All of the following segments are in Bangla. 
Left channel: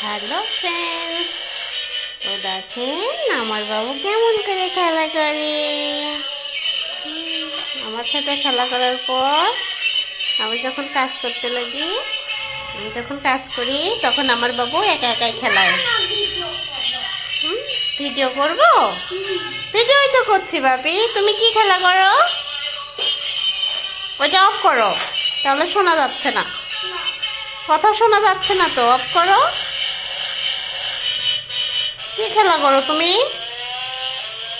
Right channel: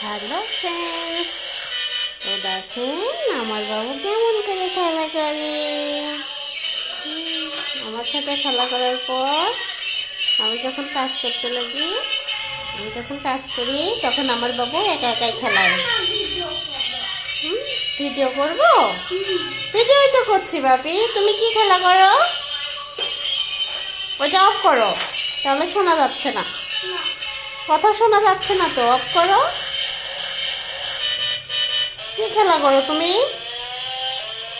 হ্যালো ফ্রেন্ডস, তো দেখেন আমার বাবু কেমন করে খেলা করে। আমার সাথে খেলা করার পর আমি যখন কাজ করতে লাগি, আমি যখন কাজ করি তখন আমার বাবু একা একাই খেলায়। ভিডিও করব, ভিডিওই তো করছি বাপি। তুমি কি খেলা করো? ওইটা অফ করো, তাহলে শোনা যাচ্ছে না, কথা শোনা যাচ্ছে না তো। অফ করো। কি খেলা করো তুমি?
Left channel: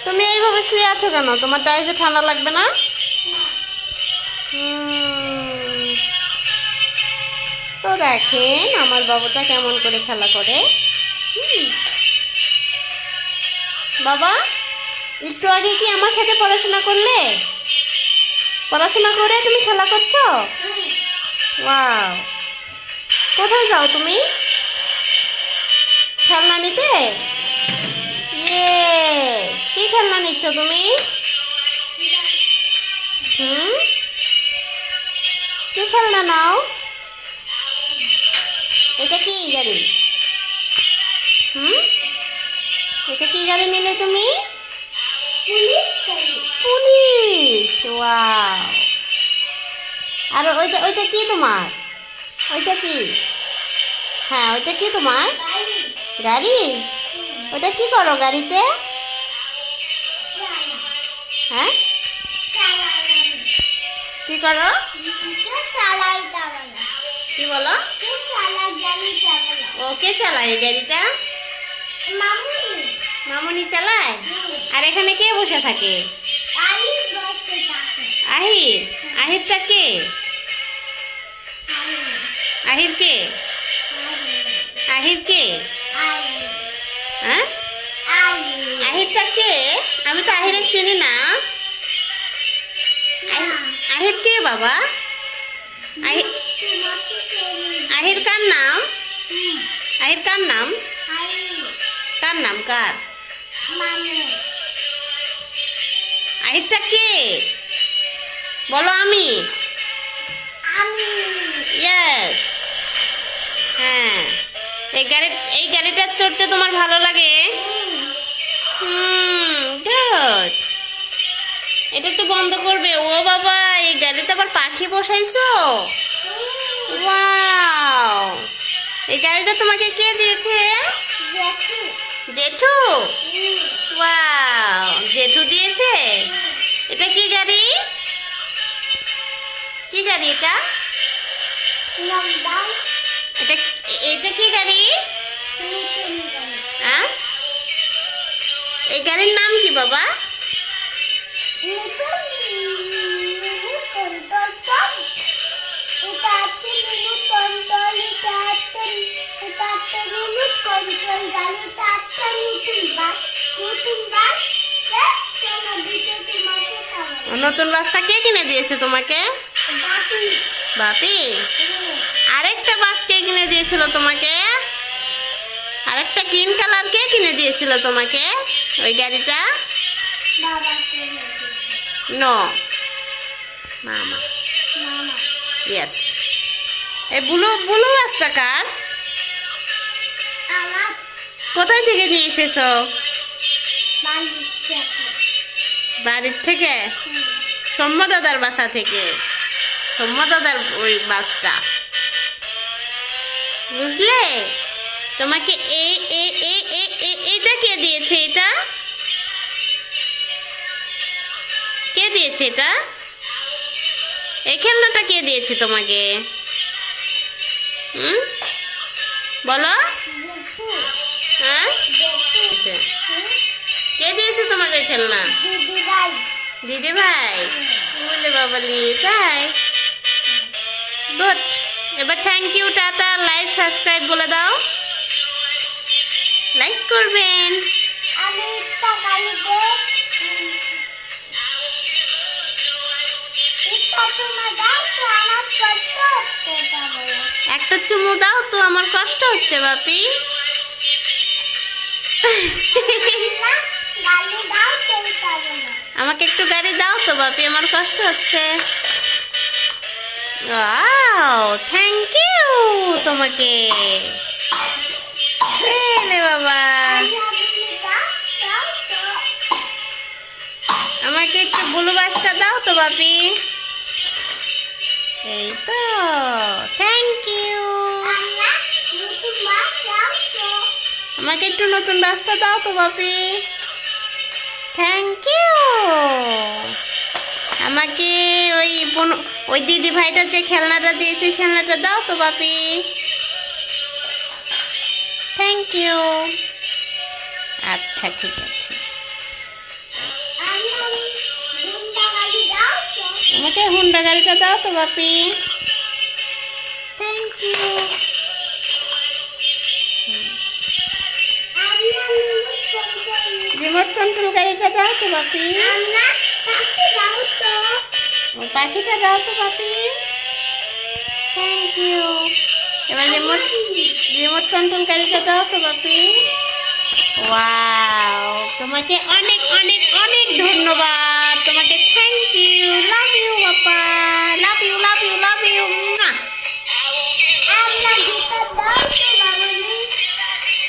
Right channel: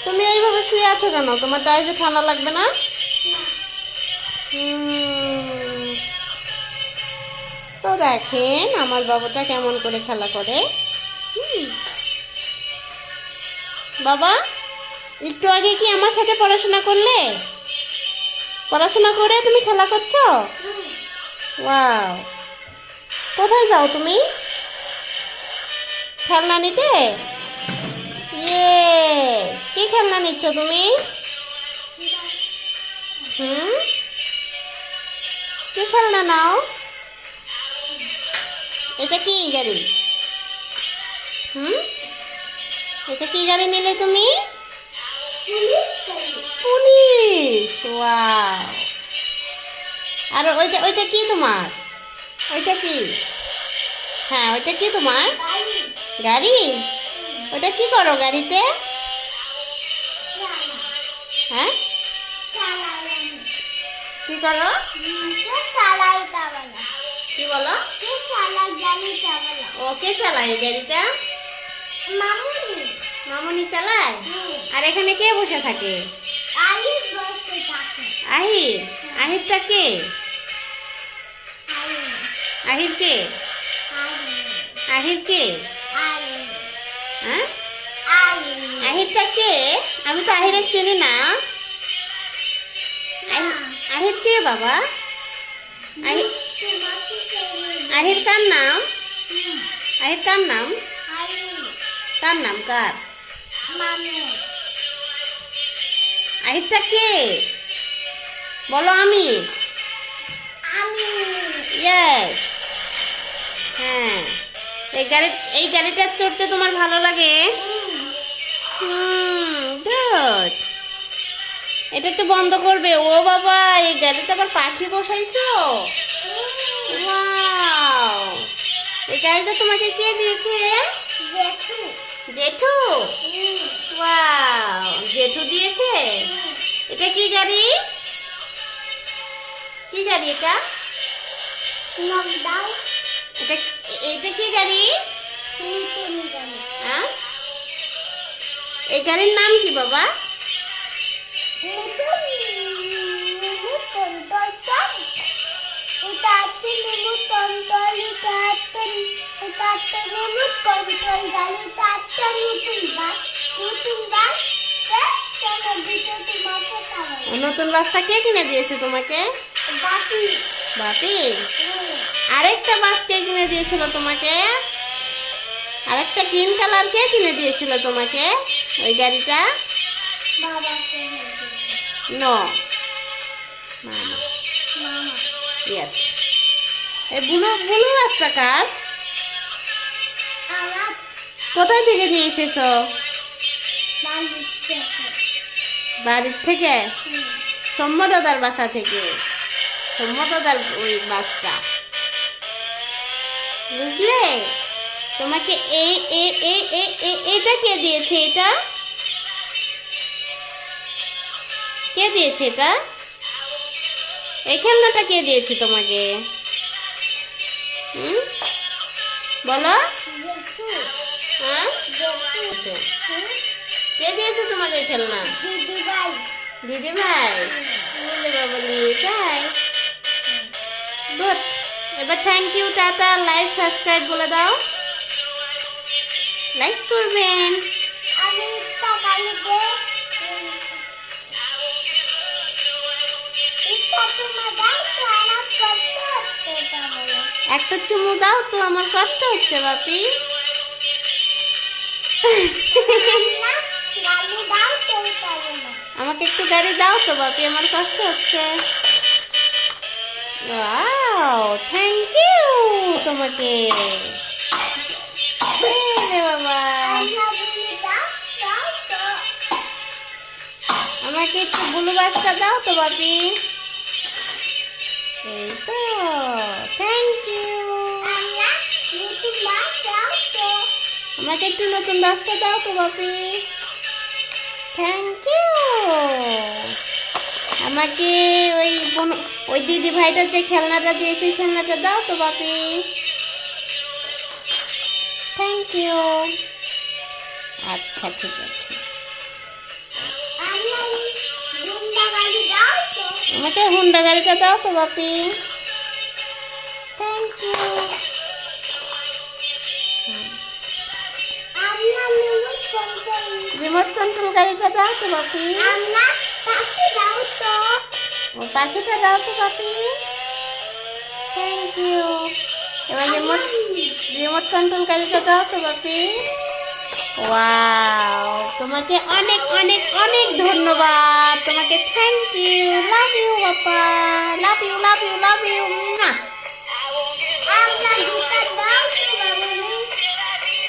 তুমি এইভাবে শুয়ে আছো কেন? তোমার গায়ে যে ঠান্ডা লাগবে না? তো দেখেন আমার বাবুটা কেমন করে খেলা করে। বাবা, একটু আগে কি আমার সাথে পড়াশোনা করলে? পড়াশোনা করে তুমি খেলা করছো? ওয়াও, কোথায় যাও তুমি? খেলনা নিতে? কি খেলনা নিচ্ছ তুমি? কি খেলনা নাও? এটা কি গাড়ি? এটা কি গাড়ি নিলে তুমি? পুলিশ। ওয়াও। আর ওইটা ওইটা কি তোমার? ওইটা কি? হ্যাঁ, ওইটা কি তোমার? গাড়ি। ওটা কি করো গাড়িতে? হ্যাঁ, কি করো? কি বলো? ওকে চালায় গাড়িটা? মামুনি চালায়। আর এখানে কে বসে থাকে? আহির। আহিরটা কে? আহির কে? আহির কে? হ্যাঁ, আহিরটা কে? আমি তো আহির চিনি না। আহির কে বাবা? আহির কার নাম? আহির কার নাম? কার নাম? কার? আহিরটা কে বলো? আমি। ইয়েস। হ্যাঁ, এই গাড়িটা চড়তে তোমার ভালো লাগে? গুড। এটা তো বন্ধ করবে। ও বাবা, এই গাড়িতে আবার পাখি বসাইছো? ওয়াও, এই গাড়িটা তোমাকে কে দিয়েছে? জেঠু। ওয়াও, জেঠু দিয়েছে। এটা কি গাড়ি? কি গাড়ি এটা? এটা কি গাড়ি? হ্যাঁ, এই গাড়ির নাম কি বাবা? নতুন বাসটা কে কিনে দিয়েছে তোমাকে? বাপি। আরেকটা বাস কে কিনে দিয়েছিল তোমাকে? আরেকটা গ্রিন কালার কে কিনে দিয়েছিল তোমাকে ওই গাড়িটা? নো, মামা। ইয়েস। এই ব্লু বাসটা কার? কোথায় থেকে নিয়ে এসেছো? বাড়ির থেকে? সৌম্য দাদার বাসা থেকে? সৌম্য দাদার ওই বাসটা, বুঝলে? তোমাকে এটা কে দিয়েছে? এটা কে দিয়েছে? এটা এই খেলনাটা কে দিয়েছে তোমাকে? বলো। হ্যাঁ, কে দিয়েছে তোমাকে খেলনা? দিদি ভাই। বলে বাবালি, তাই? গুড। এবার thank you, tata, like, subscribe বলে দাও। লাইক করবেন। একটা চুমু দাও তো, আমার কষ্ট হচ্ছে বাপি। আমাকে একটু গাড়ি দাও তো বাপি, আমার কষ্ট হচ্ছে। Wow, thank you. তোমাকে। এলে বাবা, আমাকে একটু ব্লু বাসটা দাও তো বাপি। এই তো, থ্যাংক ইউ। আমাকে একটু নতুন বাসটা দাও তো বাপি। Thank you. আমাকে ওই দিদি ভাইটা যে খেলনাটা দিয়েছে খেলনাটা দাও তো বাপি। Thank you. আচ্ছা ঠিক আছে। আমাকে হুন্ডা গাড়িটা দাও তো বাপি। Thank you. রিমোট কন্ট্রোল গাড়িটা দাও তো বাপি। ও পাখিটা দাও তো বাপি। Thank you. এবার রিমোট কন্ট্রোল গাড়িটা দাও তো বাপি। ওয়াও, তোমাকে অনেক অনেক অনেক ধন্যবাদ। তোমাকে থ্যাংক ইউ। লাভ ইউ বাবা। Love you love you love you.